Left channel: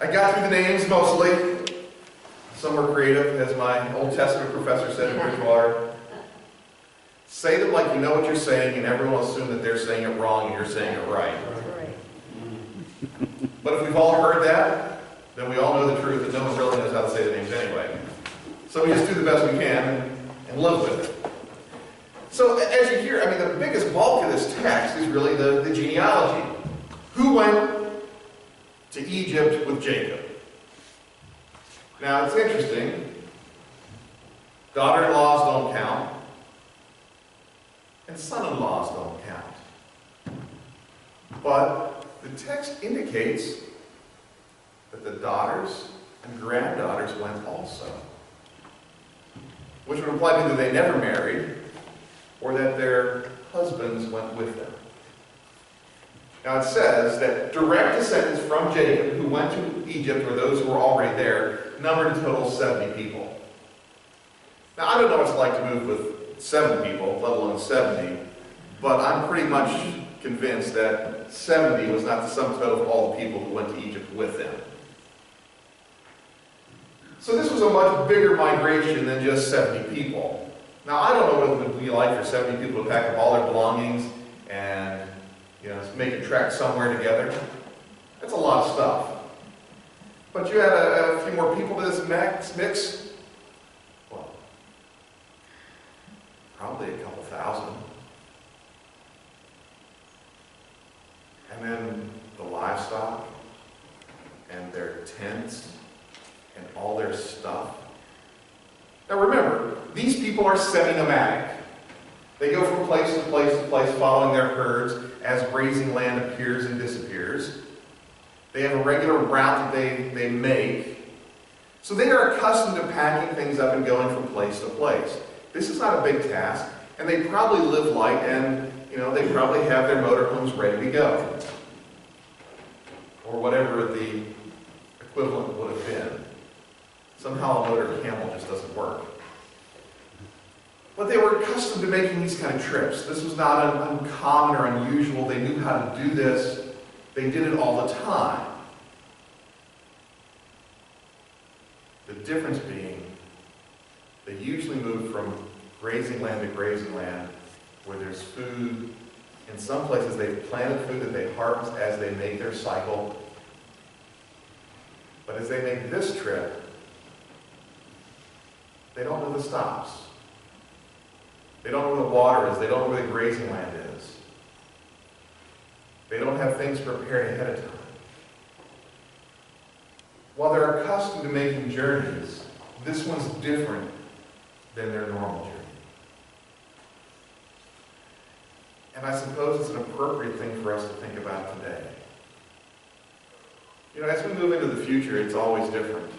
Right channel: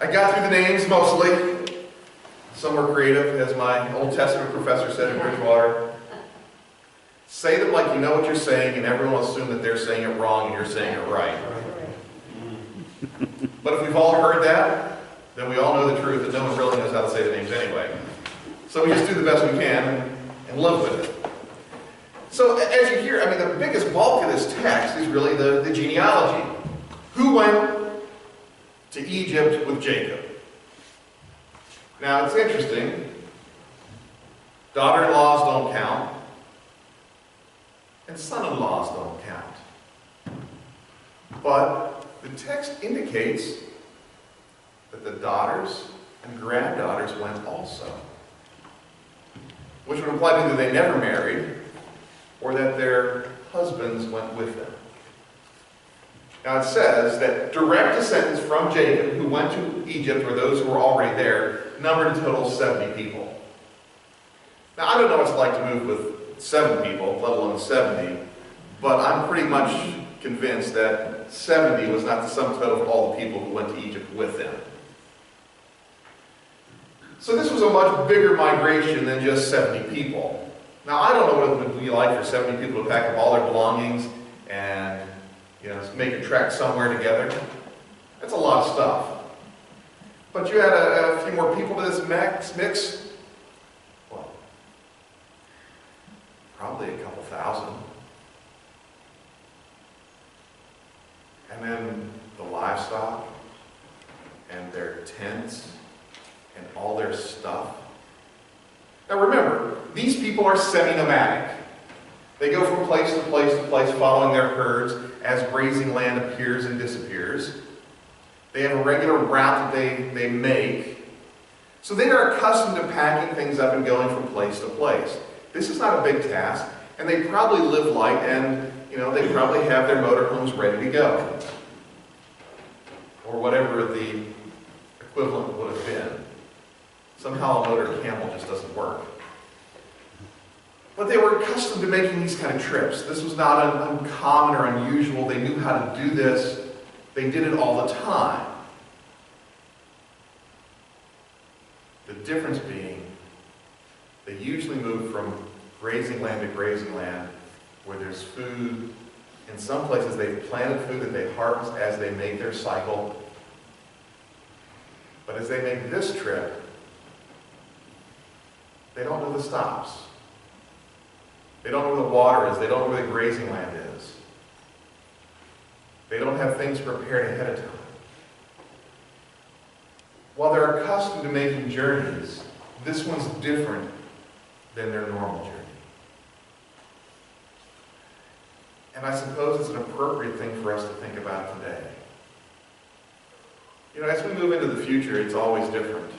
I got through the names mostly. Some were creative, as my Old Testament professor said in Bridgewater. Say them like you know what you're saying, and everyone will assume that they're saying it wrong and you're saying it right. But if we've all heard that, then we all know the truth that no one really knows how to say the names anyway. So we just do the best we can and live with it. So as you hear, I mean, the biggest bulk of this text is really the genealogy. Who went to Egypt with Jacob? Now, it's interesting. Daughter-in-laws don't count, and son-in-laws don't count. But the text indicates that the daughters and granddaughters went also, which would imply either they never married or that their husbands went with them. Now it says that direct descendants from Jacob who went to Egypt, or those who were already there, numbered a total of 70 people. Now I don't know what it's like to move with 7 people, let alone 70, but I'm pretty much convinced that 70 was not the sum total of all the people who went to Egypt with them. So this was a much bigger migration than just 70 people. Now I don't know what it would be like for 70 people to pack up all their belongings and make a trek somewhere together. That's a lot of stuff. But you had a few more people to this mix. Well, probably a couple thousand. And then the livestock and their tents and all their stuff. Now remember, these people are semi-nomadic. They go from place to place to place following their herds as grazing land appears and disappears. They have a regular route that they make. So they are accustomed to packing things up and going from place to place. This is not a big task, and they probably live light, and they probably have their motorhomes ready to go. Or whatever the equivalent would have been. Somehow a motor camel just doesn't work. But they were accustomed to making these kind of trips. This was not uncommon or unusual. They knew how to do this. They did it all the time. The difference being, they usually moved from grazing land to grazing land where there's food. In some places they've planted food that they harvest as they make their cycle. But as they make this trip, they don't know the stops. They don't know where the water is. They don't know where the grazing land is. They don't have things prepared ahead of time. While they're accustomed to making journeys, this one's different than their normal journey. And I suppose it's an appropriate thing for us to think about today. As we move into the future, it's always different.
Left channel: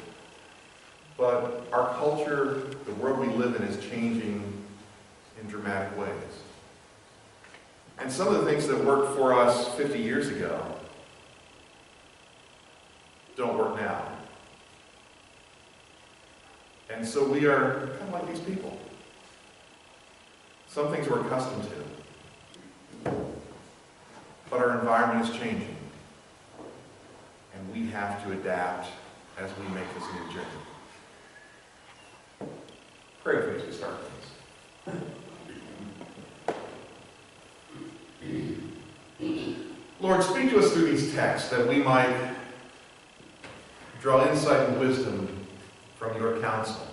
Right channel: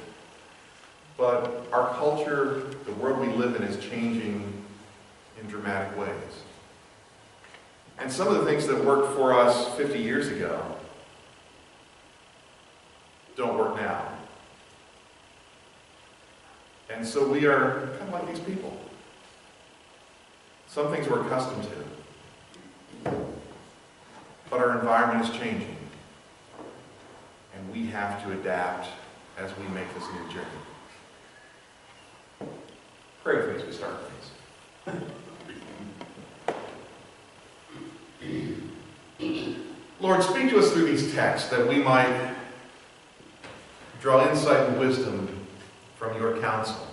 But our culture, the world we live in, is changing in dramatic ways. And some of the things that worked for us 50 years ago don't work now. And so we are kind of like these people. Some things we're accustomed to. But our environment is changing. And we have to adapt as we make this new journey. Pray with me as we start, please. Lord, speak to us through these texts that we might draw insight and wisdom from your counsel,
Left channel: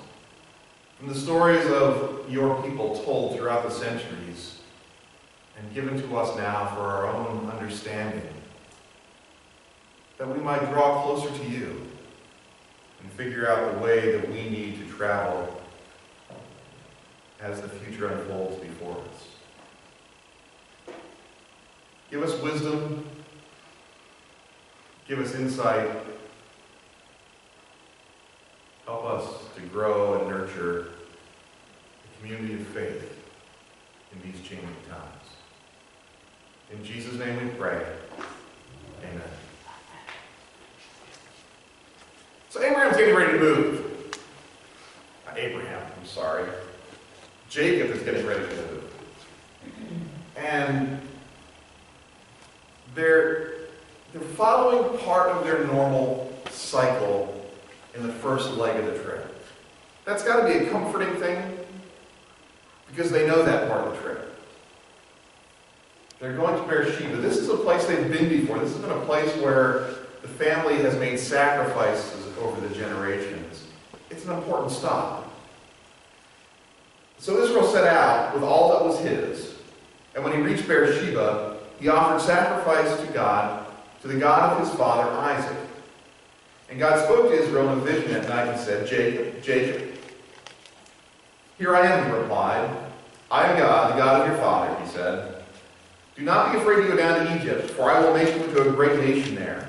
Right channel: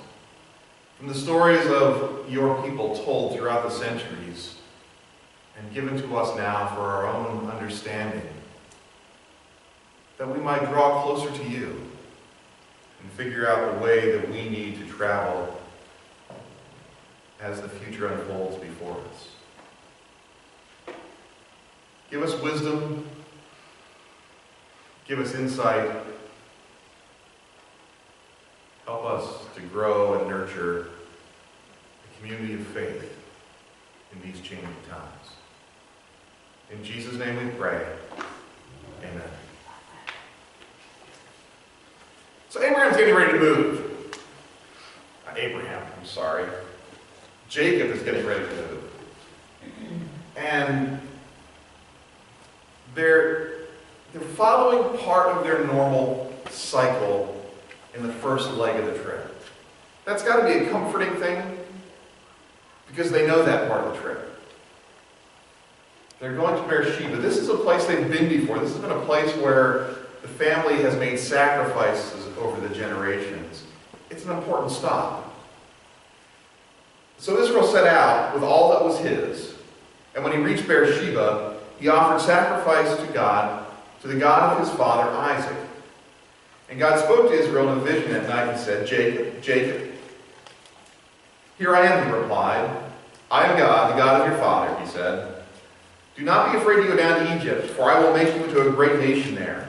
from the stories of your people told throughout the centuries and given to us now for our own understanding, that we might draw closer to you and figure out the way that we need to travel as the future unfolds before us. Give us wisdom. Give us insight. Help us to grow and nurture a community of faith in these changing times. In Jesus' name we pray. Amen. So Abraham's getting ready to move. Jacob is getting ready to move. And they're following part of their normal cycle in the first leg of the trip. That's got to be a comforting thing because they know that part of the trip. They're going to Beersheba. This is a place they've been before. This has been a place where the family has made sacrifices over the generations. It's an important stop. So Israel set out with all that was his. And when he reached Beersheba, he offered sacrifice to God, to the God of his father Isaac. And God spoke to Israel in a vision at night and said, Jacob, Jacob. Here I am, he replied. I am God, the God of your father, he said. Do not be afraid to go down to Egypt, for I will make you into a great nation there.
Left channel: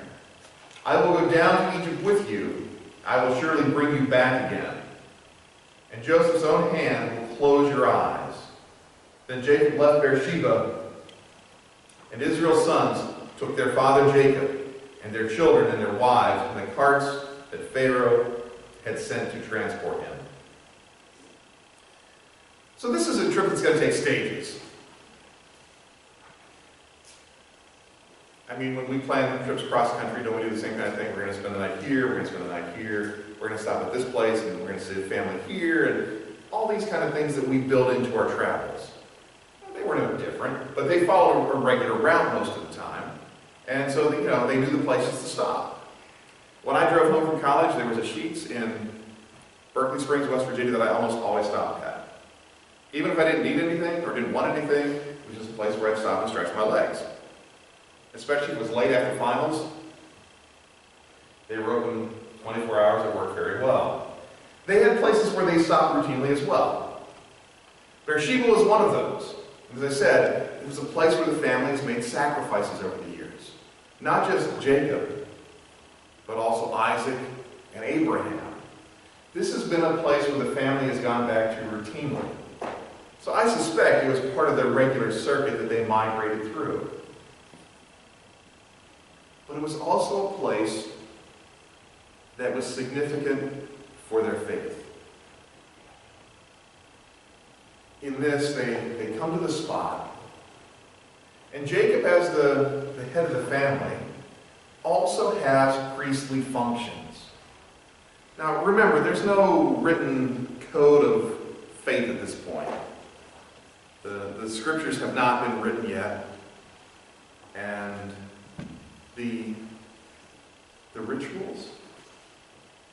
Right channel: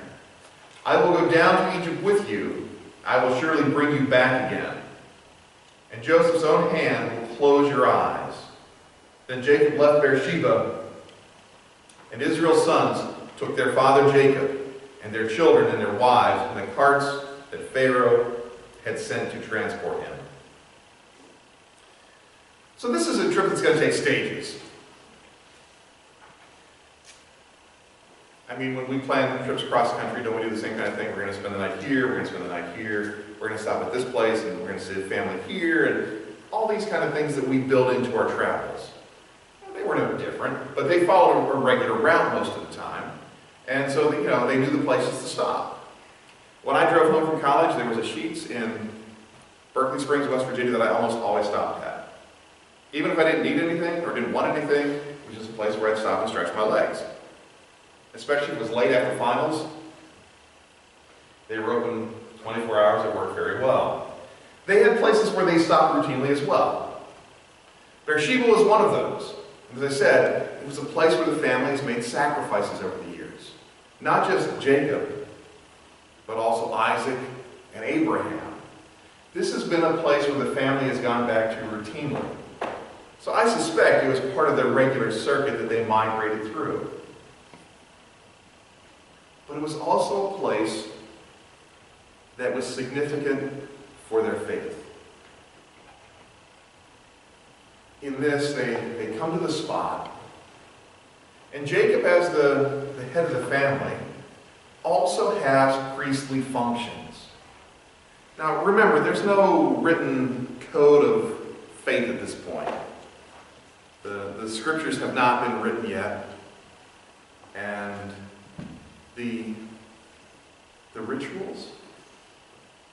I will go down to Egypt with you. I will surely bring you back again. And Joseph's own hand will close your eyes. Then Jacob left Beersheba, and Israel's sons took their father Jacob and their children and their wives in the carts that Pharaoh had sent to transport him. So this is a trip that's going to take stages. I mean, when we plan trips across the country, don't we do the same kind of thing? We're going to spend the night here, we're going to spend the night here, we're going to stop at this place, and we're going to see a family here, and all these kind of things that we build into our travels. They were no different, but they followed a regular route most of the time. And so, they knew the places to stop. When I drove home from college, there was a Sheetz in Berkeley Springs, West Virginia, that I almost always stopped at. Even if I didn't need anything or didn't want anything, it was just a place where I'd stop and stretch my legs. Especially if it was late after finals. They were open 24 hours. It worked very well. They had places where they stopped routinely as well. Beersheba was one of those. As I said, it was a place where the families made sacrifices over the years. Not just Jacob, but also Isaac and Abraham. This has been a place where the family has gone back to routinely. So I suspect it was part of their regular circuit that they migrated through. But it was also a place that was significant for their faith. In this, they come to the spot, and Jacob, as the head of the family, also has priestly functions. Now remember, there's no written code of faith at this point. The scriptures have not been written yet, and the rituals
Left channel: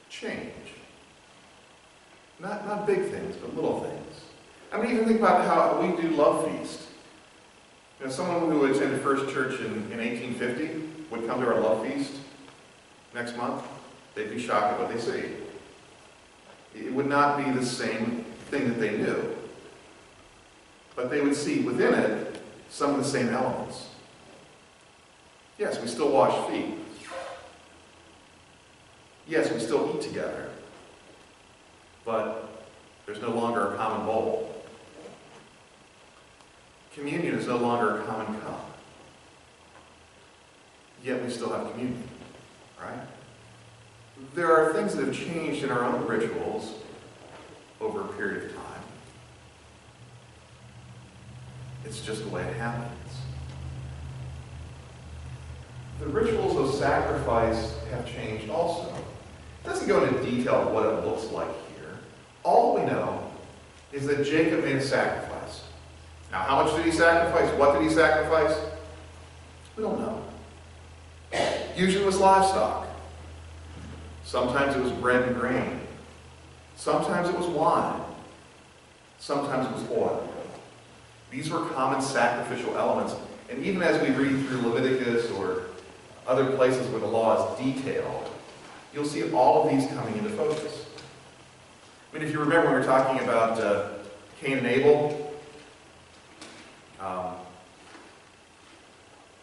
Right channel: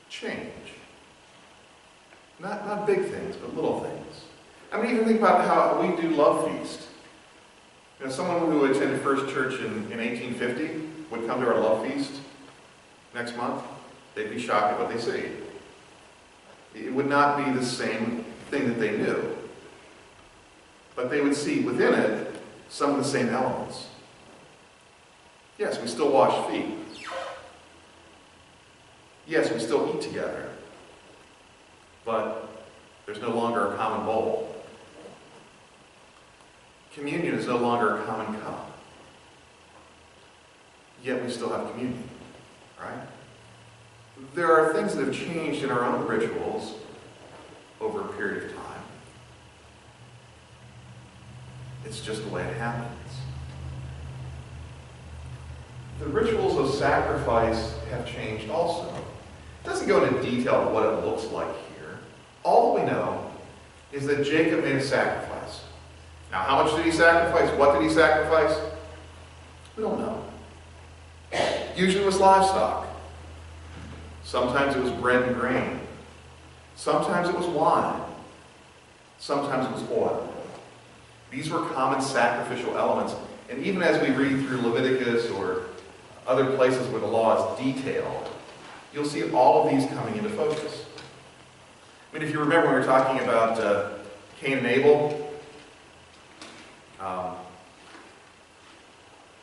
change. Not big things, but little things. I mean, even think about how we do Love Feast. Someone who attended First Church in 1850 would come to our Love Feast next month. They'd be shocked at what they see. It would not be the same thing that they knew. But they would see within it some of the same elements. Yes, we still wash feet. Yes, we still eat together. But there's no longer a common bowl. Communion is no longer a common cup. Yet we still have communion, right? There are things that have changed in our own rituals over a period of time. It's just the way it happens. The rituals of sacrifice have changed also. It doesn't go into detail of what it looks like here. All we know is that Jacob made a sacrifice. Now, how much did he sacrifice? What did he sacrifice? We don't know. Usually it was livestock. Sometimes it was bread and grain. Sometimes it was wine. Sometimes it was oil. These were common sacrificial elements. And even as we read through Leviticus or other places where the law is detailed, you'll see all of these coming into focus. I mean, if you remember, we were talking about Cain and Abel.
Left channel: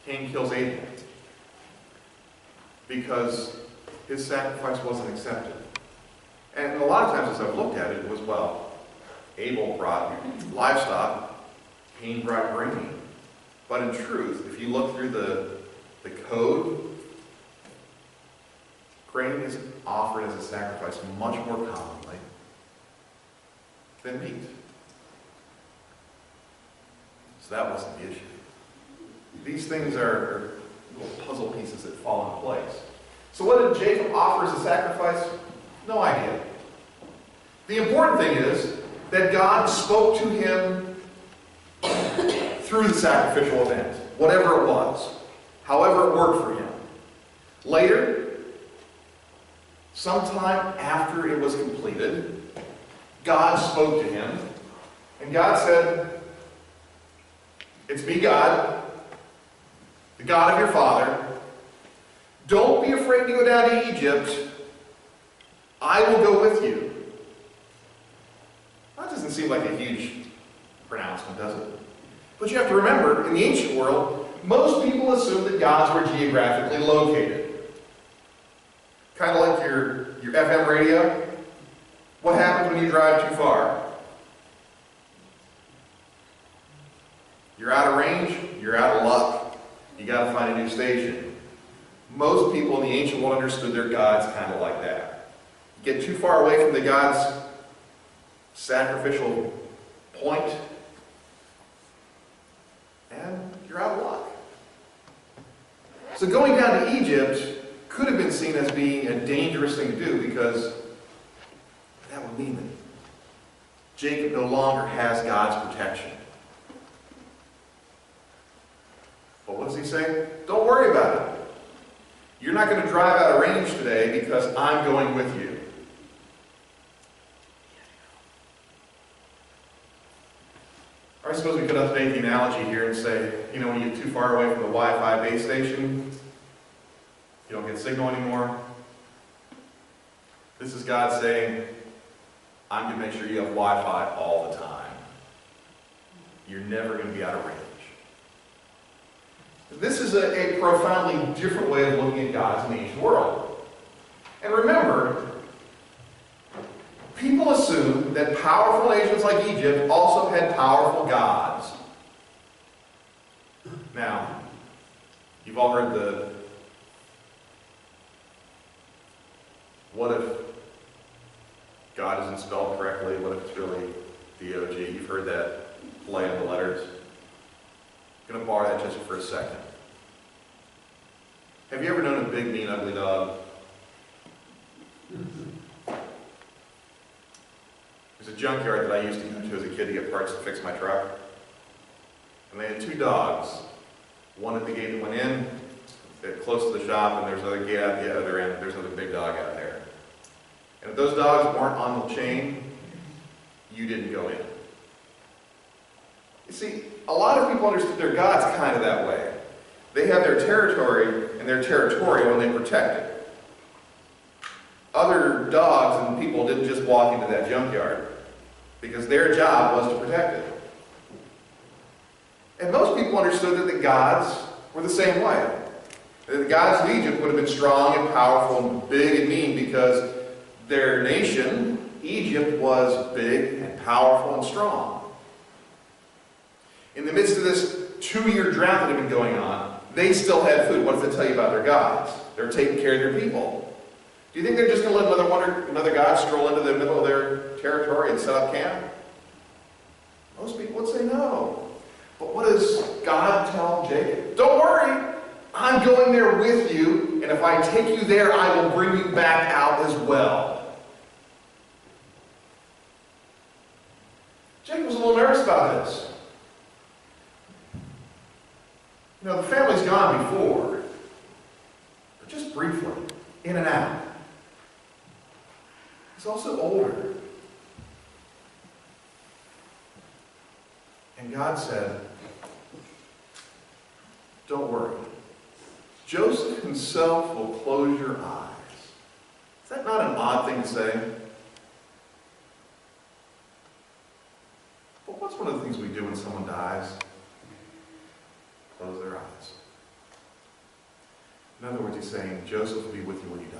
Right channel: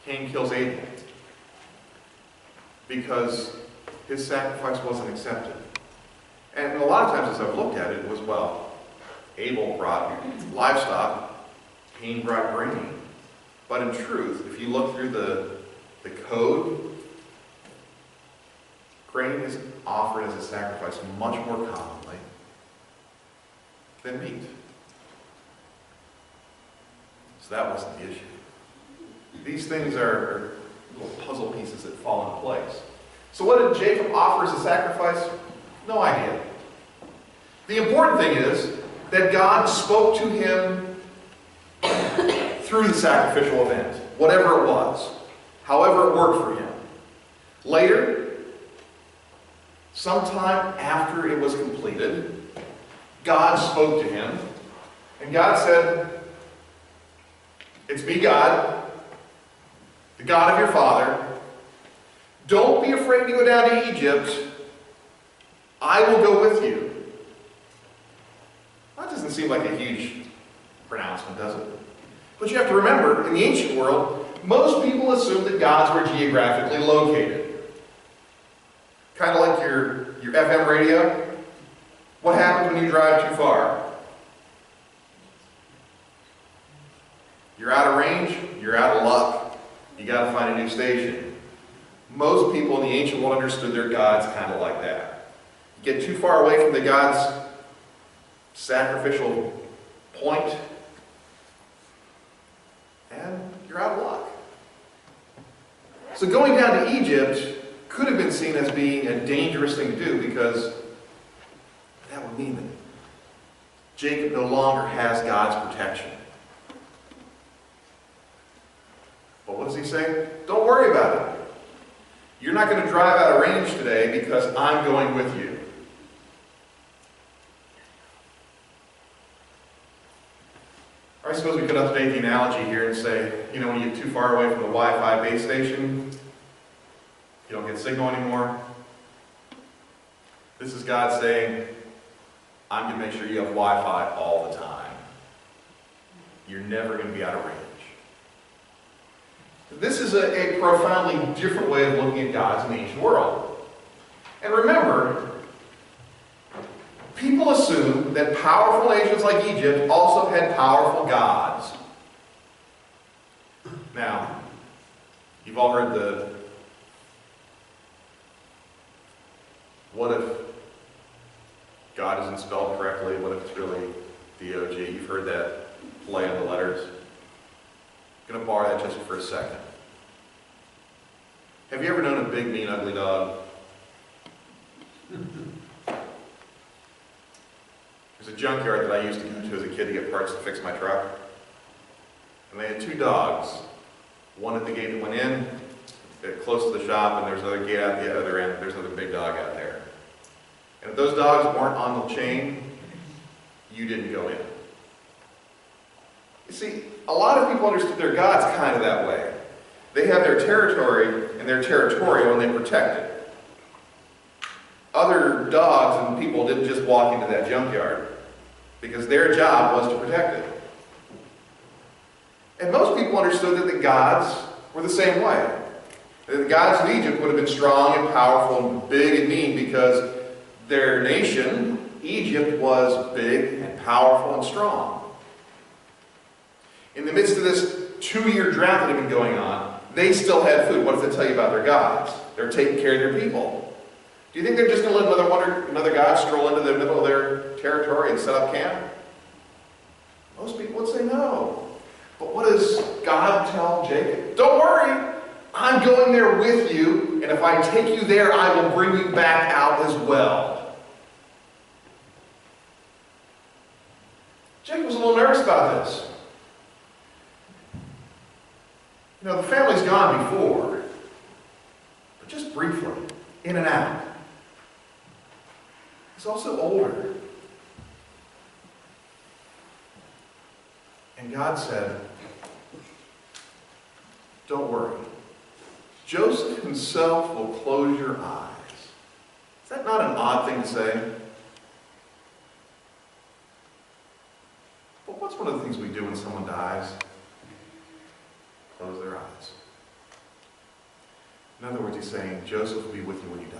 Cain kills Abel because his sacrifice wasn't accepted. And a lot of times as I've looked at it, it was, well, Abel brought livestock, Cain brought grain. But in truth, if you look through the code, grain is offered as a sacrifice much more commonly than meat. So that wasn't the issue. These things are little puzzle pieces that fall in place. So what did Jacob offer as a sacrifice? No idea. The important thing is that God spoke to him through the sacrificial event, whatever it was, however it worked for him. Later, sometime after it was completed, God spoke to him, and God said, "It's me, God, the God of your father. Don't be afraid to go down to Egypt. I will go with you." That doesn't seem like a huge pronouncement, does it? But you have to remember, in the ancient world, most people assumed that gods were geographically located. Kind of like your FM radio. What happens when you drive too far? You're out of range, you're out of luck. You got to find a new station. Most people in the ancient world understood their gods kind of like that. You get too far away from the god's sacrificial point, and you're out of luck. So going down to Egypt could have been seen as being a dangerous thing to do, because that would mean that Jacob no longer has God's protection. But what does he say? Don't worry about it. You're not going to drive out of range today because I'm going with you. Or I suppose we could update the analogy here and say, when you get too far away from the Wi-Fi base station, you don't get signal anymore. This is God saying, I'm going to make sure you have Wi-Fi all the time. You're never going to be out of range. This is a profoundly different way of looking at gods in the ancient world. And remember, people assume that powerful nations like Egypt also had powerful gods. Now, you've all heard the what if God isn't spelled correctly? What if it's really D-O-G? You've heard that play on the letters. I'm going to borrow that just for a second. Have you ever known a big, mean, ugly dog? There's a junkyard that I used to go to as a kid to get parts to fix my truck. And they had two dogs. One at the gate that went in, close to the shop, and there's another gate out the other end. There's another big dog out there. And if those dogs weren't on the chain, you didn't go in. You see, a lot of people understood their gods kind of that way. They have their territory, and they're territorial, and they protect it. Other dogs and people didn't just walk into that junkyard, because their job was to protect it. And most people understood that the gods were the same way. That the gods of Egypt would have been strong and powerful and big and mean because their nation, Egypt, was big and powerful and strong. In the midst of this 2-year drought that had been going on, they still had food. What does it tell you about their gods? They're taking care of their people. Do you think they're just going to let another god stroll into the middle of their territory and set up camp? Most people would say no. But what does God tell Jacob? Don't worry, I'm going there with you, and if I take you there, I will bring you back out as well. Jacob was a little nervous about this. The family's gone before, but just briefly, in and out. He's also older. And God said, don't worry. Joseph himself will close your eyes. Is that not an odd thing to say? But what's one of the things we do when someone dies? Close their eyes. In other words, he's saying, Joseph will be with you when you die.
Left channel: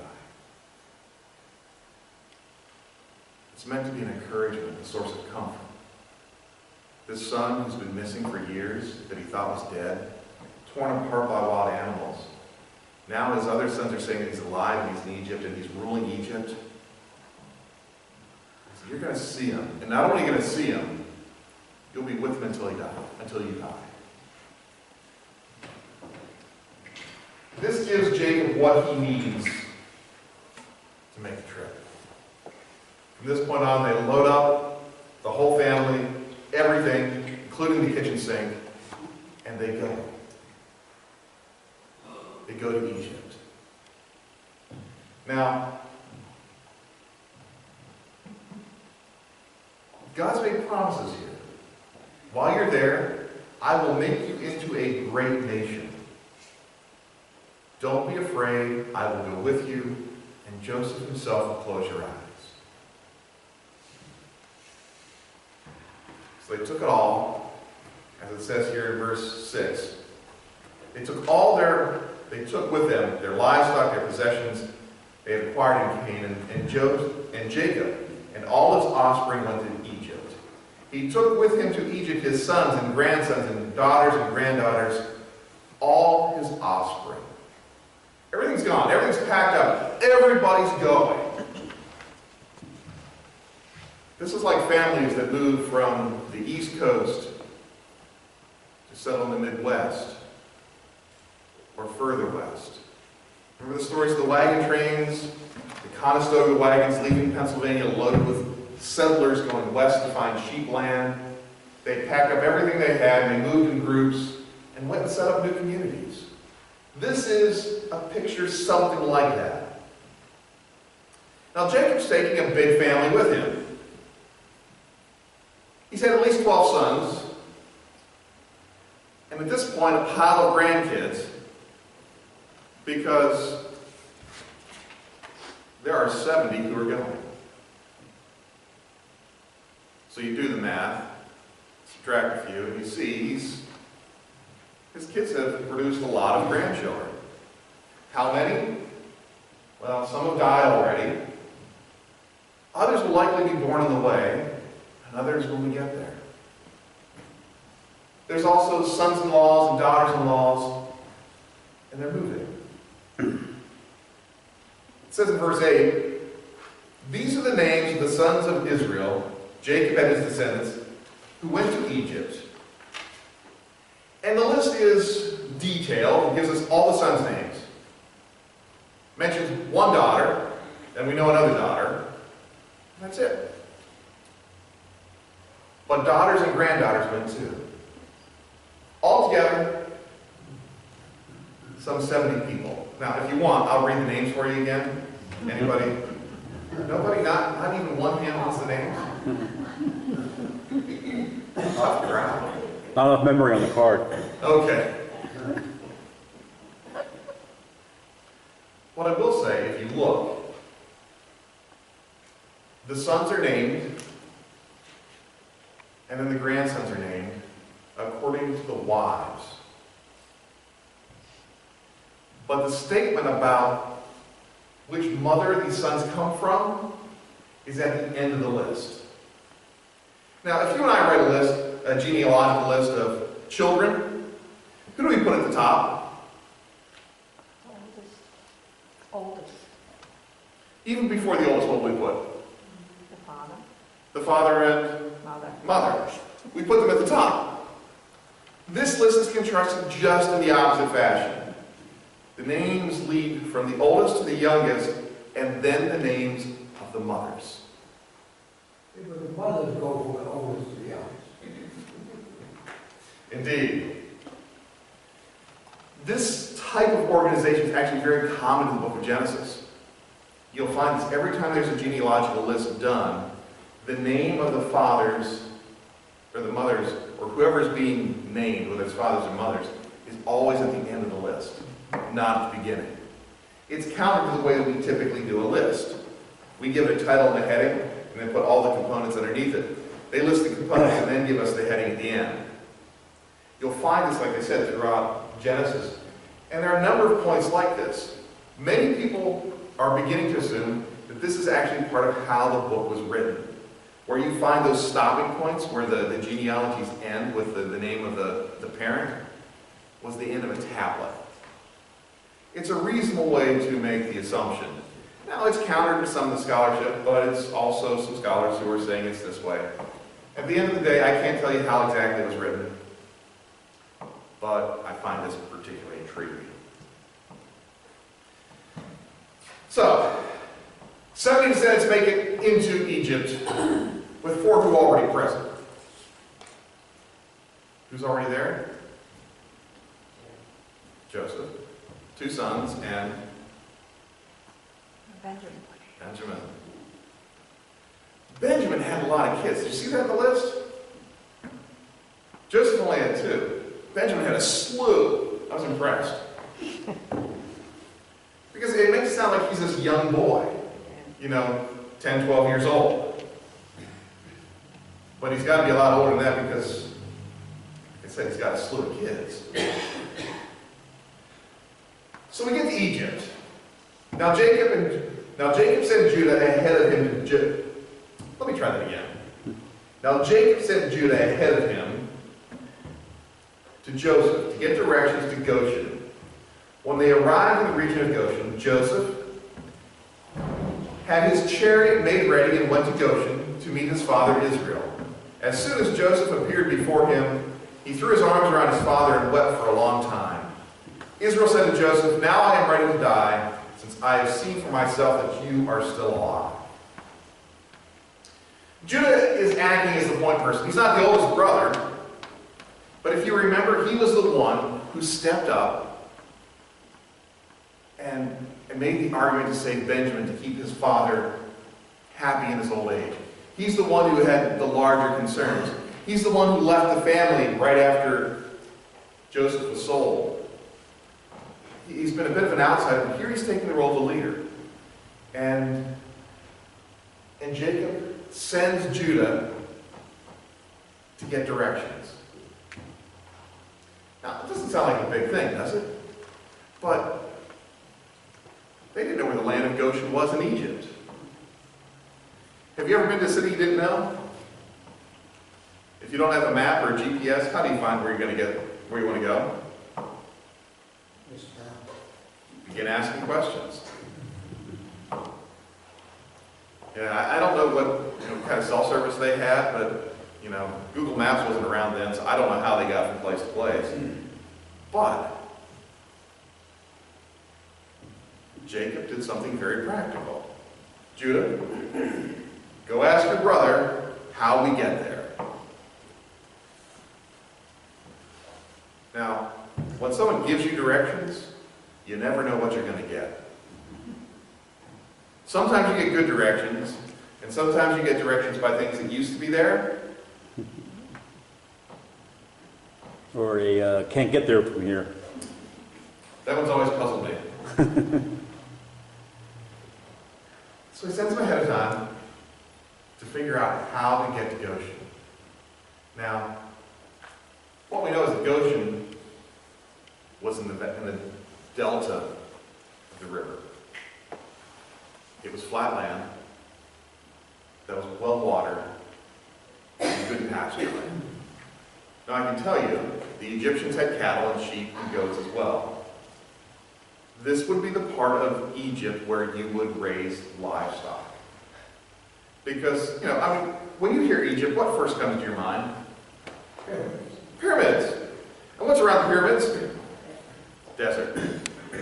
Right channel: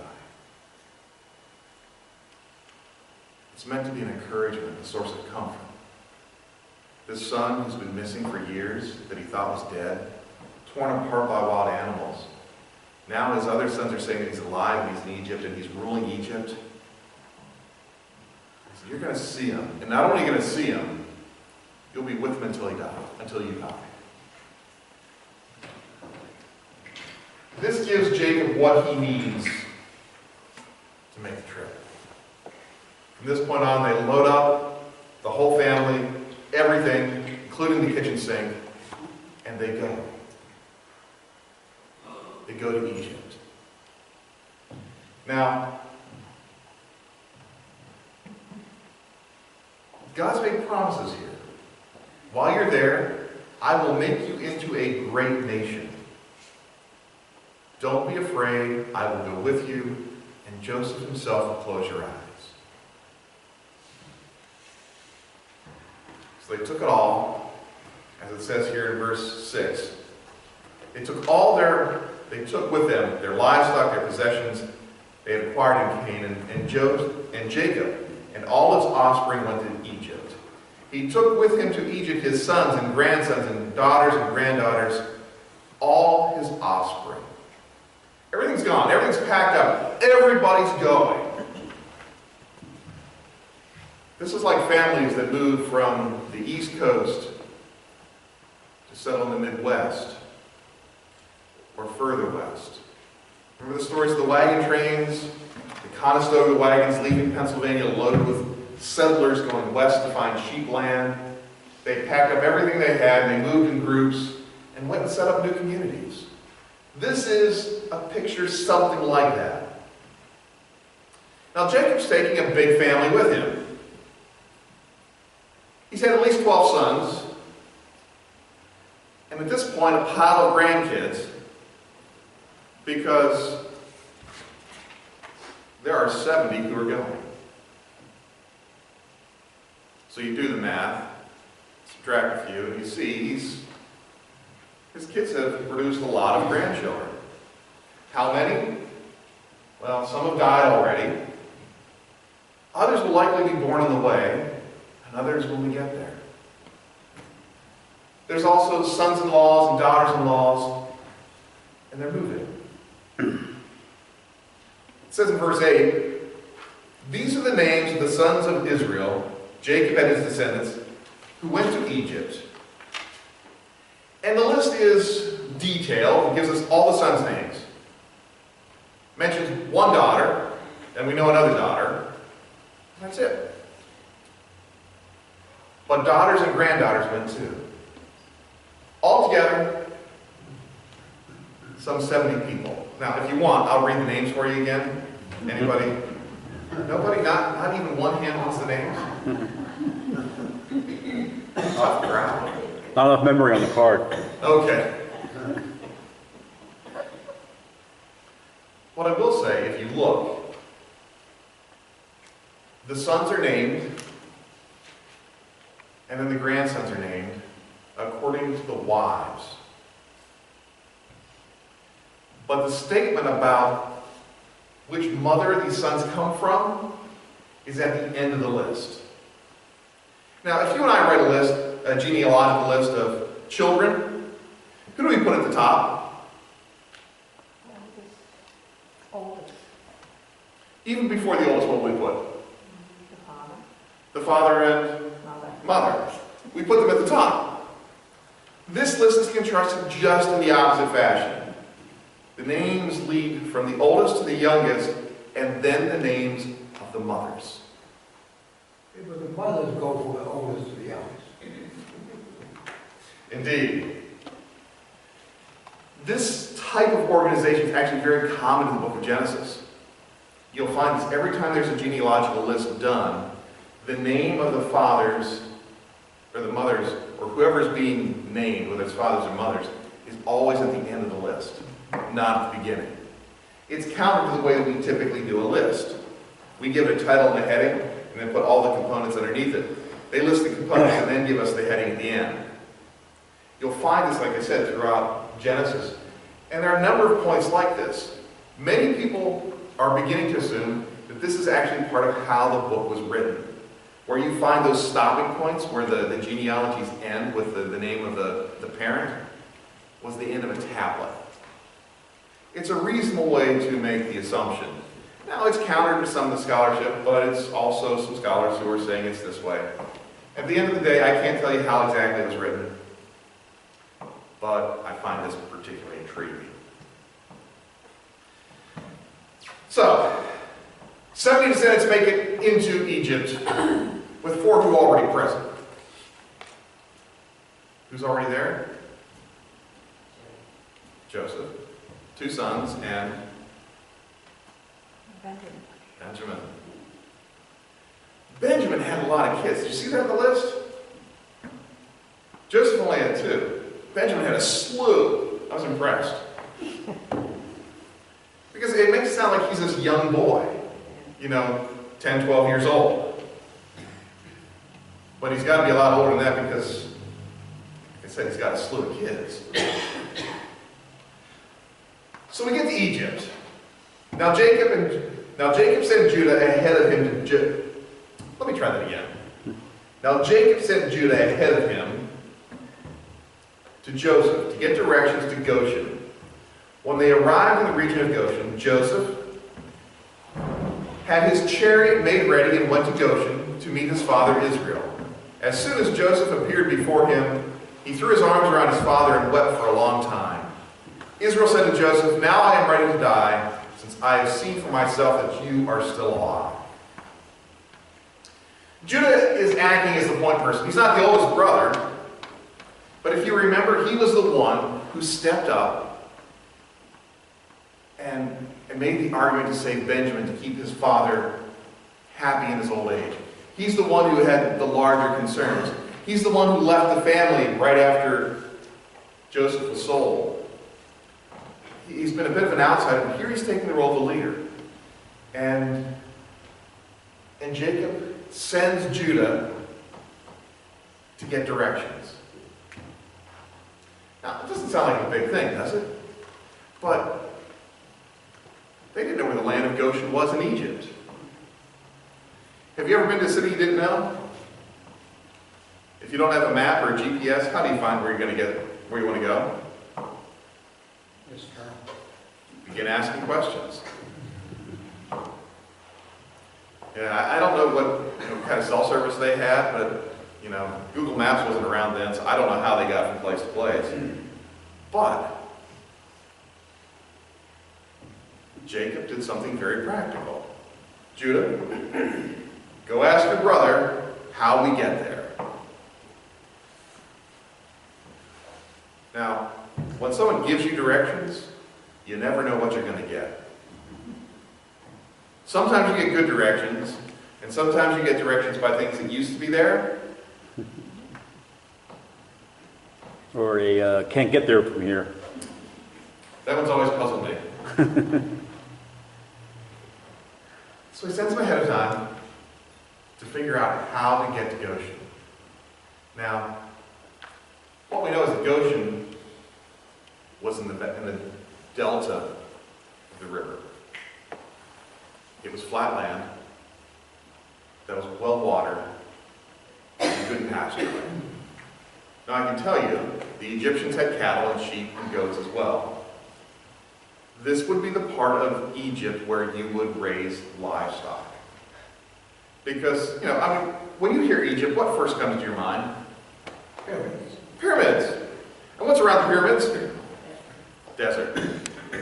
It's meant to be an encouragement, a source of comfort. This son who's been missing for years, that he thought was dead, torn apart by wild animals. Now his other sons are saying that he's alive and he's in Egypt and he's ruling Egypt. So you're going to see him. And not only are you going to see him, you'll be with him until you die. This gives Jacob what he needs From this point on, they load up the whole family, everything, including the kitchen sink, and they go. They go to Egypt. Now, God's made promises here. While you're there, I will make you into a great nation. Don't be afraid, I will go with you, and Joseph himself will close your eyes. So they took it all, as it says here in verse 6. They took with them their livestock, their possessions they had acquired in Canaan, and Jacob and all his offspring went to Egypt. He took with him to Egypt his sons and grandsons and daughters and granddaughters, all his offspring. Everything's gone. Everything's packed up. Everybody's going. This is like families that move from the East Coast to settle in the Midwest or further west. Remember the stories of the wagon trains, the Conestoga wagons leaving Pennsylvania loaded with settlers going west to find sheep land. They packed up everything they had, and they moved in groups and went and set up new communities. This is a picture something like that. Now Jacob's taking a big family with him. He's had at least 12 sons, and at this point a pile of grandkids, because there are 70 who are going. So you do the math, subtract a few, and you see his kids have produced a lot of grandchildren. How many? Well, some have died already. Others will likely be born on the way, and others when we get there. There's also sons-in-laws and daughters-in-laws, and they're moving. It says in verse 8, these are the names of the sons of Israel, Jacob and his descendants, who went to Egypt. And the list is detailed. It gives us all the sons' names. Mentions one daughter, and we know another daughter. That's it. But daughters and granddaughters went too. Altogether, some 70 people. Now, if you want, I'll read the names for you again. Anybody? Nobody? Not even one hand wants the names? Tough crowd. Not enough memory on the card. Okay. What I will say, if you look, the sons are named, and then the grandsons are named according to the wives. But the statement about which mother these sons come from is at the end of the list. Now, if you and I write a list, a genealogical list of children, who do we put at the top? Oldest. Even before the oldest, what do we put? The father. The father and mother. We put them at the top. This list is constructed just in the opposite fashion. The names lead from the oldest to the youngest, and then the names of the mothers. Yeah, but the mothers go from the oldest to the youngest. Indeed. This type of organization is actually very common in the book of Genesis. You'll find this every time there's a genealogical list done, the name of the fathers, or the mothers, or whoever is being named, whether it's fathers or mothers, is always at the end of the list, not at the beginning. It's counter to the way that we typically do a list. We give it a title and a heading, and then put all the components underneath it. They list the components and then give us the heading at the end. You'll find this, like I said, throughout Genesis. And there are a number of points like this. Many people are beginning to assume that this is actually part of how the book was written, where you find those stopping points where the genealogies end with the name of the parent was the end of a tablet. It's a reasonable way to make the assumption. Now, it's counter to some of the scholarship, but it's also some scholars who are saying it's this way. At the end of the day, I can't tell you how exactly it was written, but I find this particularly intriguing. So, 70 descendants make it into Egypt, with 4 who are already present. Who's already there? Joseph, 2 sons, and Benjamin. Benjamin had a lot of kids. Did you see that on the list? Joseph only had 2. Benjamin had a slew. I was impressed. Because it makes it sound like he's this young boy, 10, 12 years old. But he's got to be a lot older than that because, like I said, he's got a slew of kids. So we get to Egypt. Now Jacob sent Judah ahead of him to Let me try that again. Now Jacob sent Judah ahead of him to Joseph to get directions to Goshen. When they arrived in the region of Goshen, Joseph had his chariot made ready and went to Goshen to meet his father Israel. As soon as Joseph appeared before him, he threw his arms around his father and wept for a long time. Israel said to Joseph, "Now I am ready to die, since I have seen for myself that you are still alive." Judah is acting as the point person. He's not the oldest brother, but if you remember, he was the one who stepped up and made the argument to save Benjamin to keep his father happy in his old age. He's the one who had the larger concerns. He's the one who left the family right after Joseph was sold. He's been a bit of an outsider, but here he's taking the role of a leader. And Jacob sends Judah to get directions. Now, it doesn't sound like a big thing, does it? But they didn't know where the land of Goshen was in Egypt. Have you ever been to a city you didn't know? If you don't have a map or a GPS, how do you find where you're going to get where you want to go? Begin asking questions. Yeah, I don't know what kind of cell service they had, but Google Maps wasn't around then, so I don't know how they got from place to place. But Jacob did something very practical. Judah, go ask your brother how we get there. Now, when someone gives you directions, you never know what you're going to get. Sometimes you get good directions, and sometimes you get directions by things that used to be there. Or they can't get there from here. That one's always puzzled me. So he sends them ahead of time to figure out how to get to Goshen. Now, what we know is that Goshen was in the delta of the river. It was flat land that was well watered and good pasture land. Now I can tell you, the Egyptians had cattle and sheep and goats as well. This would be the part of Egypt where you would raise livestock. Because, when you hear Egypt, what first comes to your mind? Pyramids. Pyramids. And what's around the pyramids? Desert.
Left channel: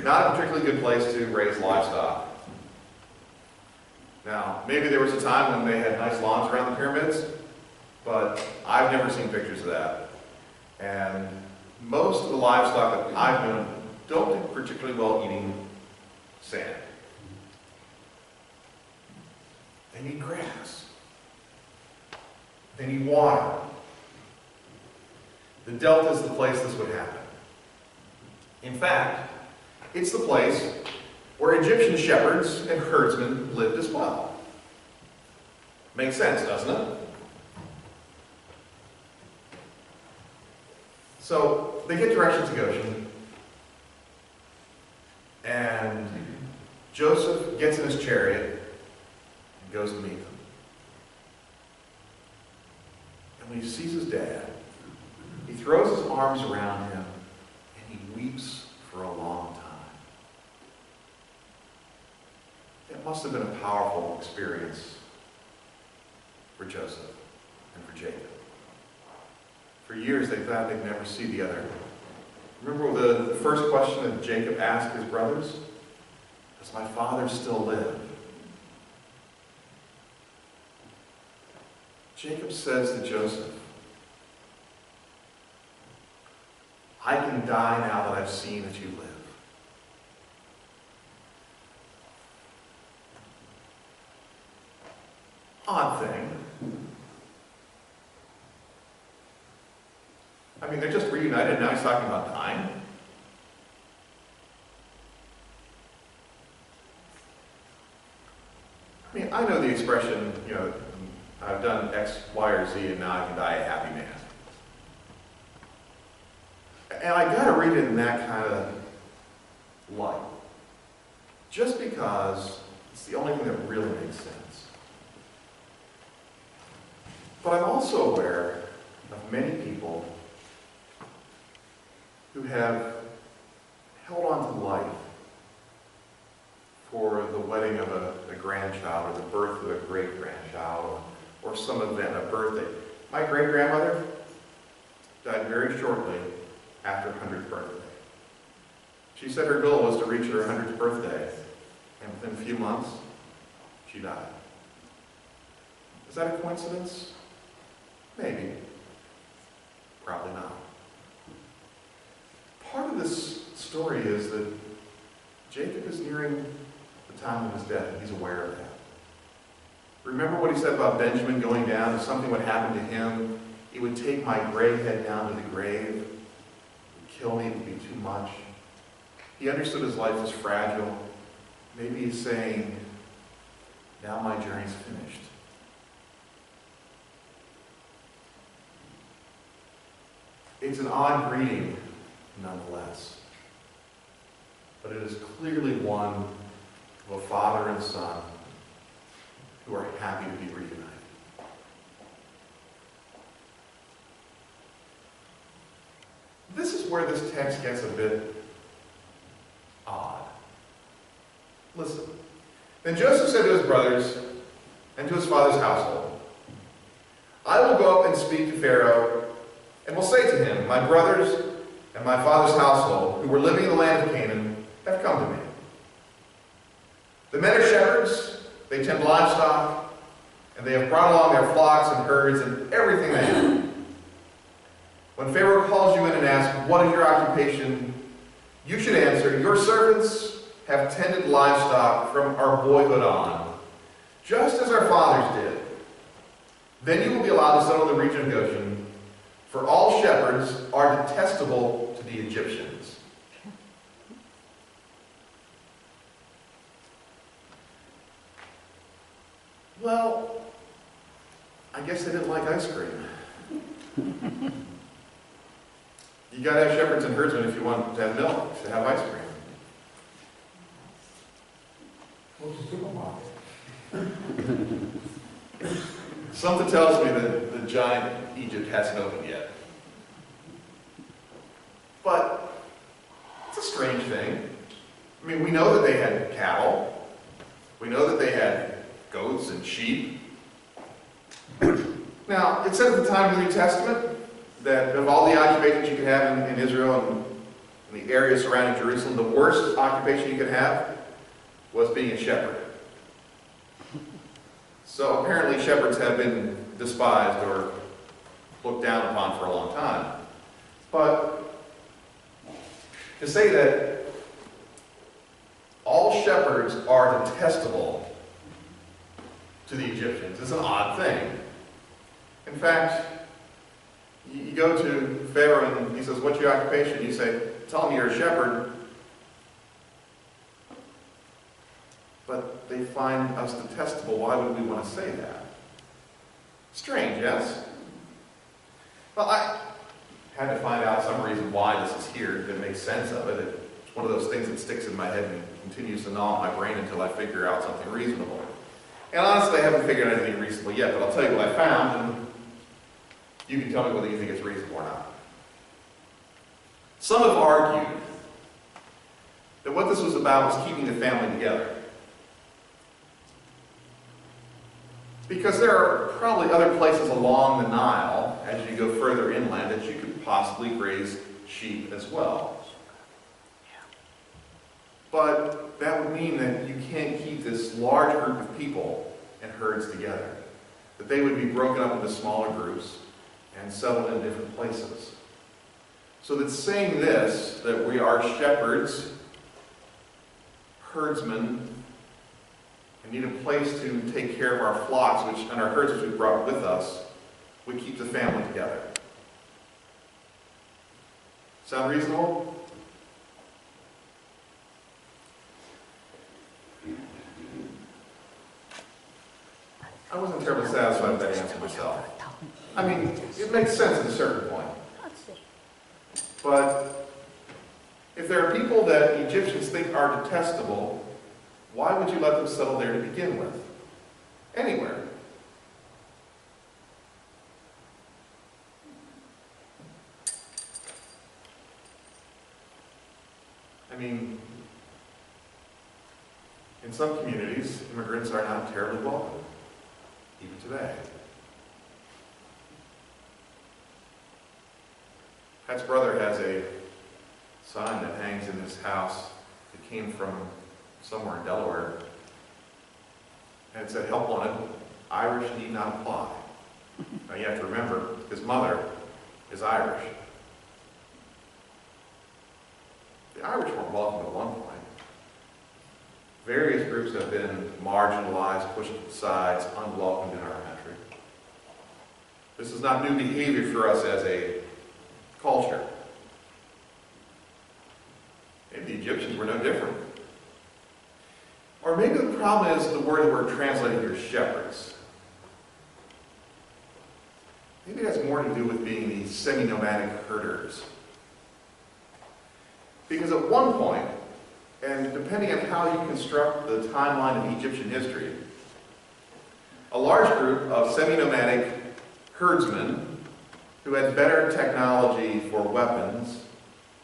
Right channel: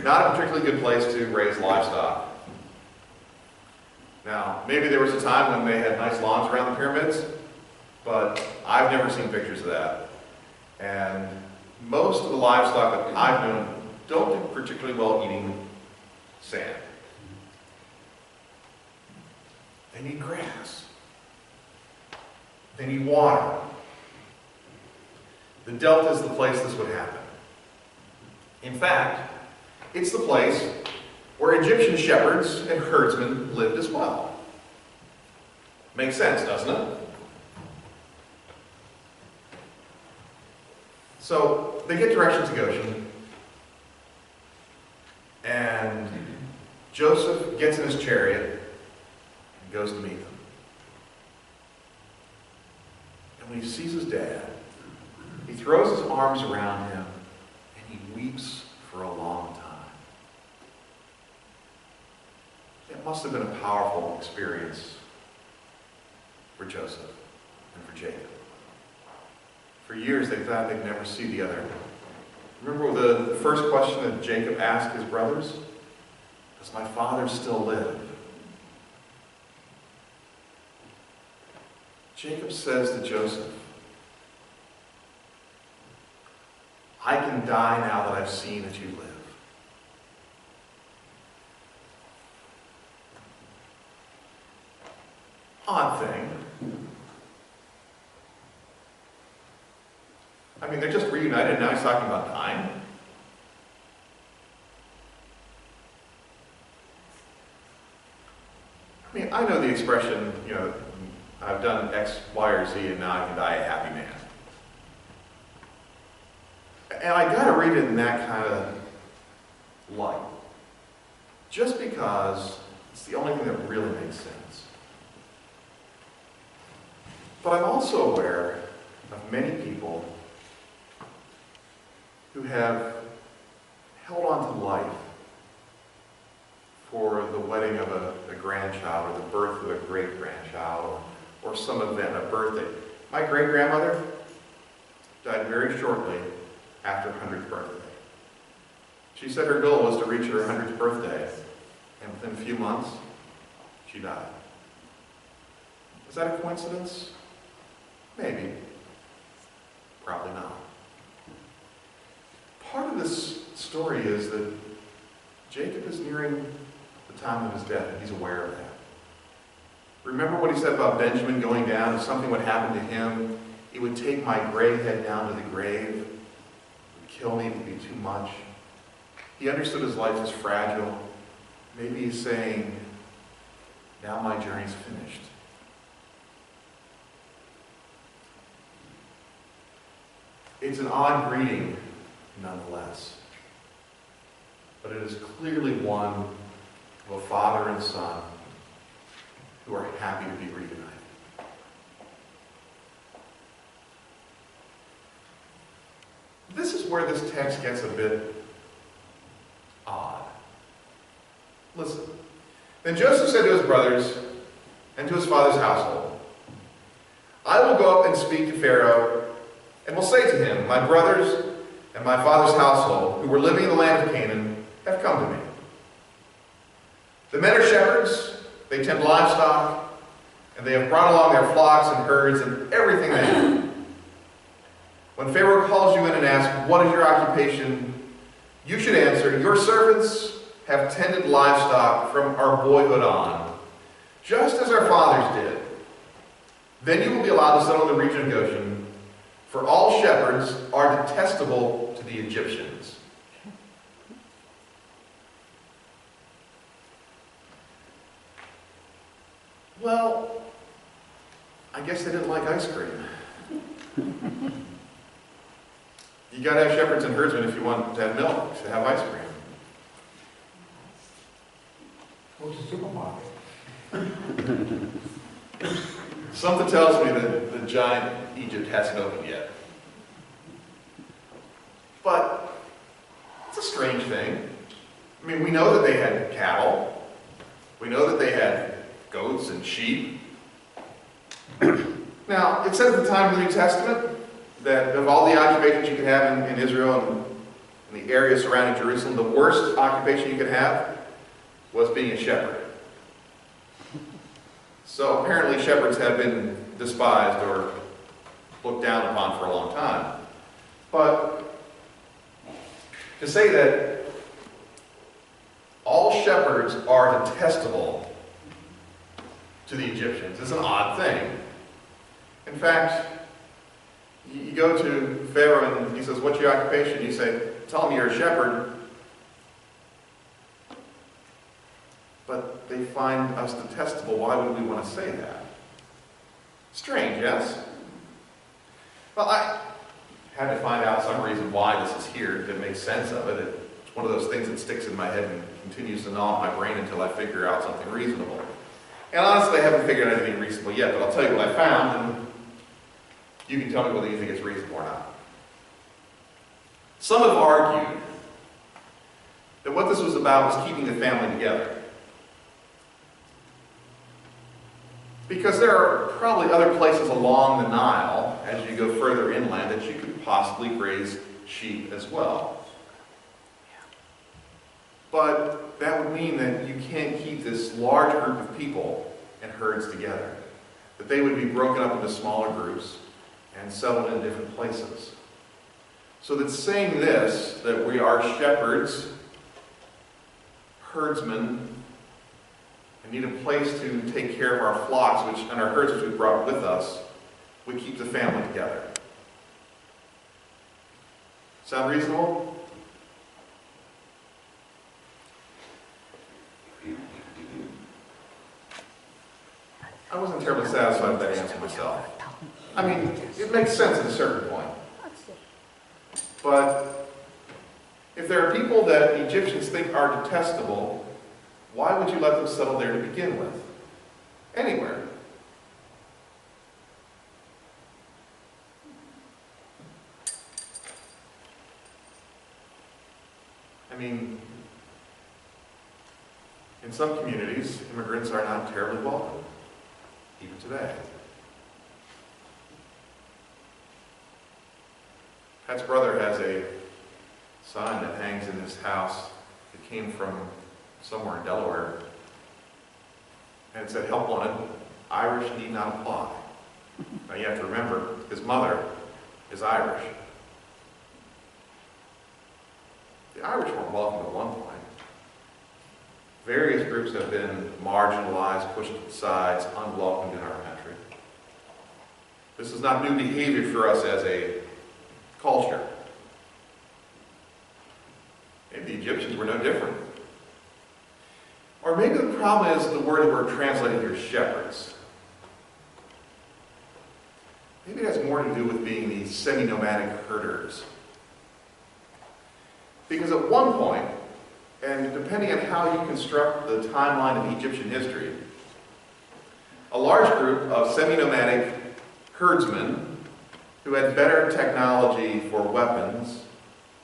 Not a particularly good place to raise livestock. Now, maybe there was a time when they had nice lawns around the pyramids, but I've never seen pictures of that. And most of the livestock that I've known don't do particularly well eating sand. They need grass. They need water. The delta is the place this would happen. In fact, it's the place where Egyptian shepherds and herdsmen lived as well. Makes sense, doesn't it? So they get directions to Goshen, and Joseph gets in his chariot and goes to meet them. And when he sees his dad, he throws his arms around him and he weeps for a long time. It must have been a powerful experience for Joseph and for Jacob. For years they thought they'd never see the other. Remember the first question that Jacob asked his brothers? Does my father still live? Jacob says to Joseph, I can die now that I've seen that you live. Odd thing. I mean, they're just reunited, now he's talking about dying. I mean, I know the expression, I've done X, Y, or Z, and now I can die a happy man. And I gotta read it in that kind of light. Just because it's the only thing that really makes sense. But I'm also aware of many people who have held on to life for the wedding of a grandchild or the birth of a great-grandchild or some event, a birthday. My great-grandmother died very shortly after her 100th birthday. She said her goal was to reach her 100th birthday, and within a few months, she died. Is that a coincidence? Maybe. Probably not. Part of this story is that Jacob is nearing the time of his death, and he's aware of that. Remember what he said about Benjamin going down? If something would happen to him, it would take my gray head down to the grave. It would kill me, it would be too much. He understood his life was fragile. Maybe he's saying, now my journey's finished. It's an odd greeting, nonetheless. But it is clearly one of a father and son who are happy to be reunited. This is where this text gets a bit odd. Listen. Then Joseph said to his brothers and to his father's household, I will go up and speak to Pharaoh, and will say to him, my brothers and my father's household, who were living in the land of Canaan, have come to me. The men are shepherds, they tend livestock, and they have brought along their flocks and herds and everything they have. When Pharaoh calls you in and asks, what is your occupation? You should answer, your servants have tended livestock from our boyhood on, just as our fathers did. Then you will be allowed to settle in the region of Goshen, for all shepherds are detestable to the Egyptians. Well, I guess they didn't like ice cream. You gotta have shepherds and herdsmen if you want to have milk, to have ice cream. Go to the supermarket. Something tells me that the giant Egypt hasn't opened yet. But it's a strange thing. I mean, we know that they had cattle. We know that they had goats and sheep. Now, it said at the time of the New Testament that of all the occupations you could have in Israel and in the area surrounding Jerusalem, the worst occupation you could have was being a shepherd. So apparently shepherds have been despised or looked down upon for a long time. But to say that all shepherds are detestable to the Egyptians is an odd thing. In fact, you go to Pharaoh and he says, what's your occupation? You say, tell him you're a shepherd. But they find us detestable. Why would we want to say that? Strange, yes? Well, I had to find out some reason why this is here to make sense of it. It's one of those things that sticks in my head and continues to gnaw at my brain until I figure out something reasonable. And honestly, I haven't figured out anything reasonable yet, but I'll tell you what I found, and you can tell me whether you think it's reasonable or not. Some have argued that what this was about was keeping the family together. Because there are probably other places along the Nile, as you go further inland, that you could possibly graze sheep as well. But that would mean that you can't keep this large group of people and herds together. that they would be broken up into smaller groups and settled in different places. So that saying this, that we are shepherds, herdsmen, and need a place to take care of our flocks, and our herds which we brought with us, we keep the family together. Sound reasonable? I wasn't terribly satisfied with that answer myself. I mean, it makes sense at a certain point. But if there are people that Egyptians think are detestable, why would you let them settle there to begin with? Anywhere. I mean, in some communities, immigrants are not terribly welcome, even today. Pat's brother has a sign that hangs in his house that came from somewhere in Delaware. And it said, "Help wanted, Irish need not apply." Now you have to remember, his mother is Irish. The Irish weren't welcome at one point. Various groups have been marginalized, pushed to the sides, unwelcomed in our country. This is not new behavior for us as a culture. Maybe the Egyptians were no different. Or maybe the problem is the word that we're translating here, shepherds. Maybe it has more to do with being these semi-nomadic herders. Because at one point, and depending on how you construct the timeline of Egyptian history, a large group of semi-nomadic herdsmen who had better technology for weapons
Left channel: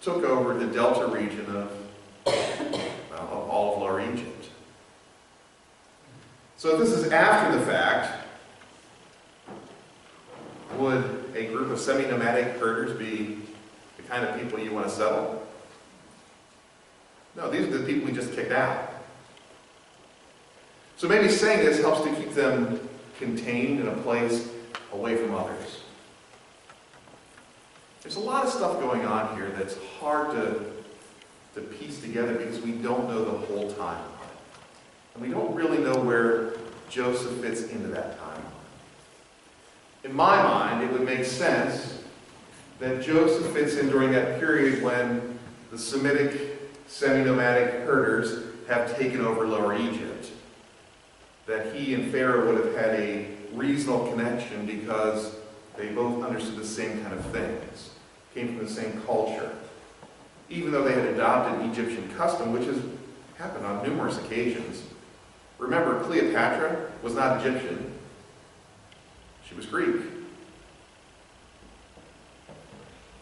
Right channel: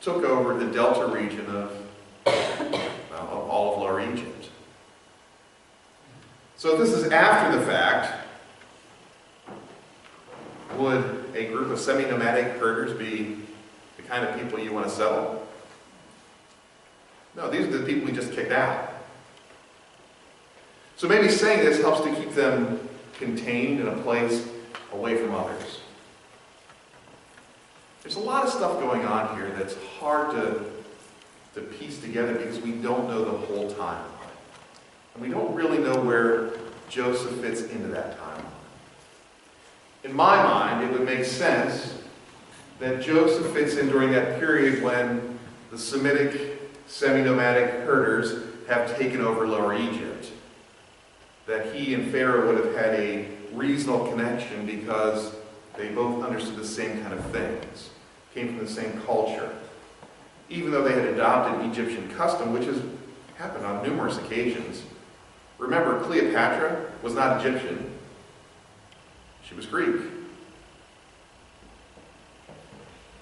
took over the delta region of all of Lower Egypt. So if this is after the fact, would a group of semi-nomadic herders be the kind of people you want to settle? No, these are the people we just kicked out. So maybe saying this helps to keep them contained in a place away from others. There's a lot of stuff going on here that's hard to piece together because we don't know the whole timeline. And we don't really know where Joseph fits into that timeline. In my mind, it would make sense that Joseph fits in during that period when the Semitic semi-nomadic herders have taken over Lower Egypt. That he and Pharaoh would have had a reasonable connection because they both understood the same kind of things, came from the same culture. Even though they had adopted Egyptian custom, which has happened on numerous occasions. Remember, Cleopatra was not Egyptian. She was Greek.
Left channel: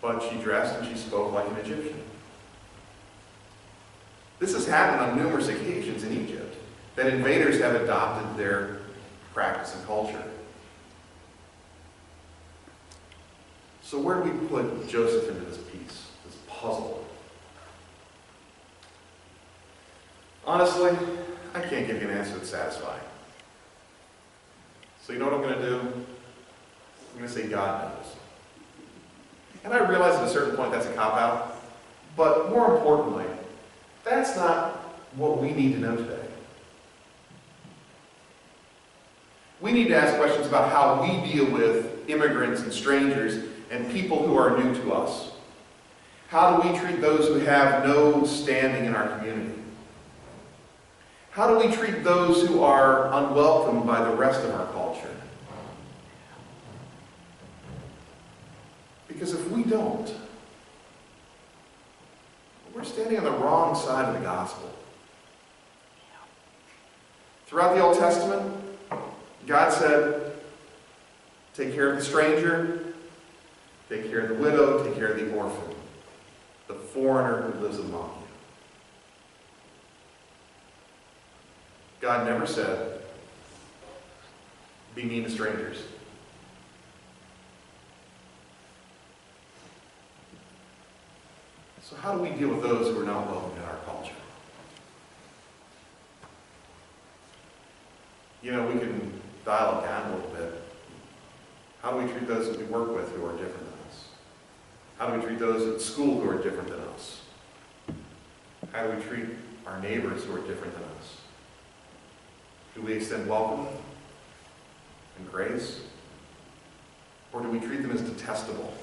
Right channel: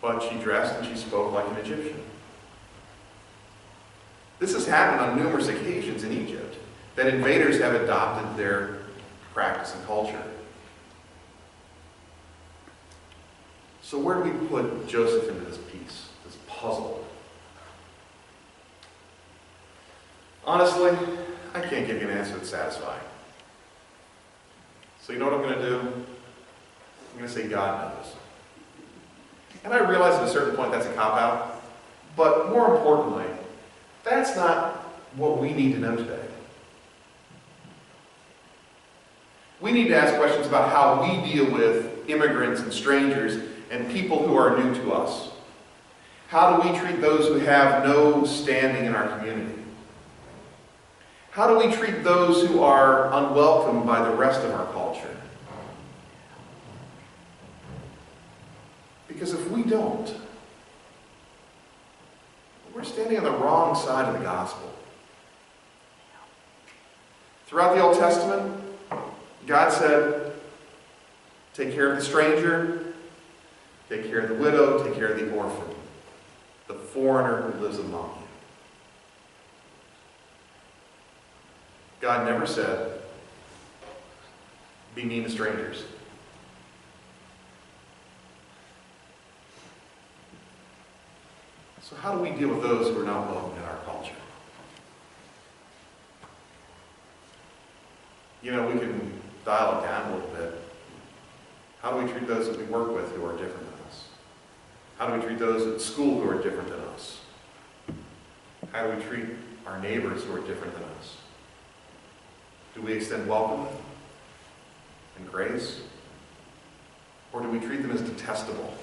But she dressed and she spoke like an Egyptian. This has happened on numerous occasions in Egypt, that invaders have adopted their practice and culture. So where do we put Joseph into this piece, this puzzle? Honestly, I can't give you an answer that's satisfying. So you know what I'm going to do? I'm going to say God knows. And I realize at a certain point that's a cop-out, but more importantly, that's not what we need to know today. We need to ask questions about how we deal with immigrants and strangers and people who are new to us. How do we treat those who have no standing in our community? How do we treat those who are unwelcomed by the rest of our culture? Because if we don't, we're standing on the wrong side of the gospel. Throughout the Old Testament, God said, take care of the stranger, take care of the widow, take care of the orphan, the foreigner who lives among you. God never said, be mean to strangers. So how do we deal with those who are not welcome in our culture? You know, we can dial it down a little bit. How do we treat those that we work with who are different than us? How do we treat those at school who are different than us? How do we treat our neighbors who are different than us? Do we extend welcome and grace? Or do we treat them as detestable